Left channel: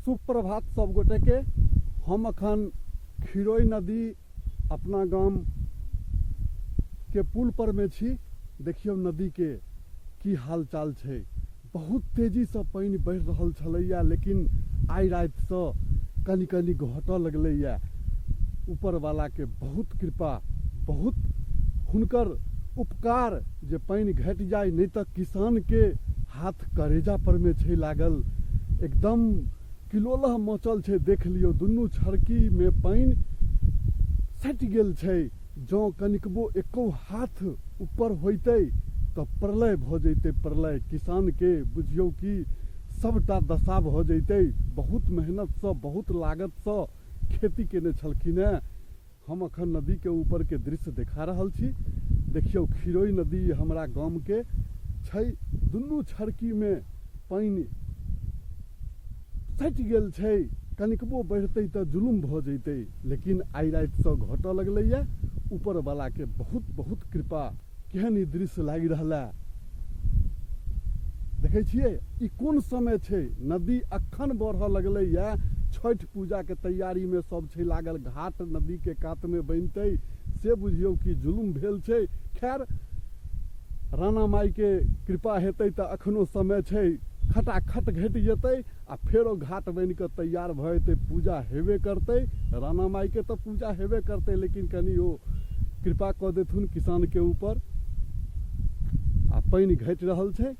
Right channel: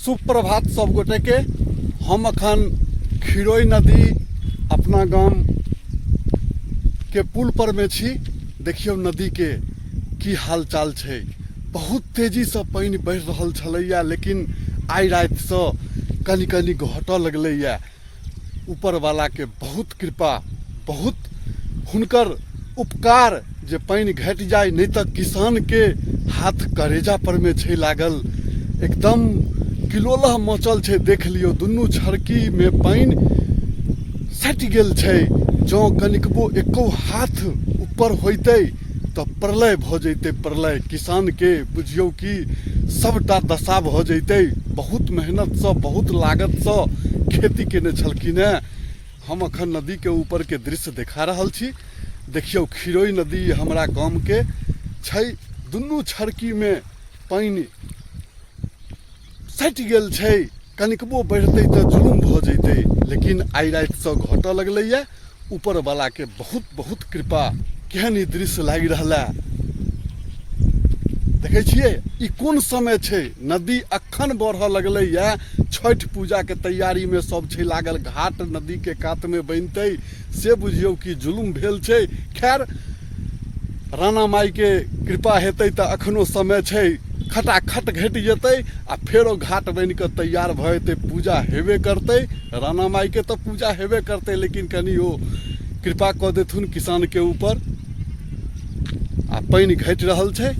सुप्रभात सब गोटे के। हम अखन खिरोई नदी अपना गाम के पुल पर में छी। देखियो नदी के की हाल चाल छै। बहुत तेजी से पानी बढ़ रहल छलैया, लेकिन आइ राति से कनी कनी घटऽ लगलैया। ऊपर वाला के बहुत कृपा, बहुत हुनकर उपकार जे पानी घट जाए, नहीं तो किसान के हाथ करेजा पर में छै लागल। एकदम किलोलह मचल छै। देख लियो दुनू छड़की में पानी सटि गेल छै। जँ कनिकबो एको हाथ ऊपर होइतै तो प्रलय भ जैते। प्रलय किसान के बुझियो कि सबटा दशा भ जैते। बहुत मेहनत से, बहुत लागत से खेती केने छलखिन हैं। हम अखन नदी के ऊपर के दृश्य देखा रहल छी। देखियो खिरोई नदी हमरा गाम के छै। दुनू छड़की में पानी सटि गेल छै। कनिकबो बढ़तै तो जुलुम भ जैते, लेकिन आइ राति से घटऽ लगलैया। ऊपर वाला के बहुत बहुत कृपा। केहन ई दृश्य लागि रहल है। देखे छियै ई कोन समय छै। नदी अखन बढ़ऽ लगलैया। छठ पूजा के तैयारी में सब छै लागल। घाट नदी के कात में बनतै से बुझियौ कि जुलुम भेल छै। खैर राणा माई के कृपा हेतै तो अखनो समय छै। खटाखट घटि जेतै आ फेरो घाट बनि कऽ तैयार भऽ जेतै। पूजा हेबे करतै। राणा माई के तो पूजा हेबे करतै, लेकिन कनि ओ कृपा कऽ देथुन किसान के ऊपर। आ पानि घटि रहल छै।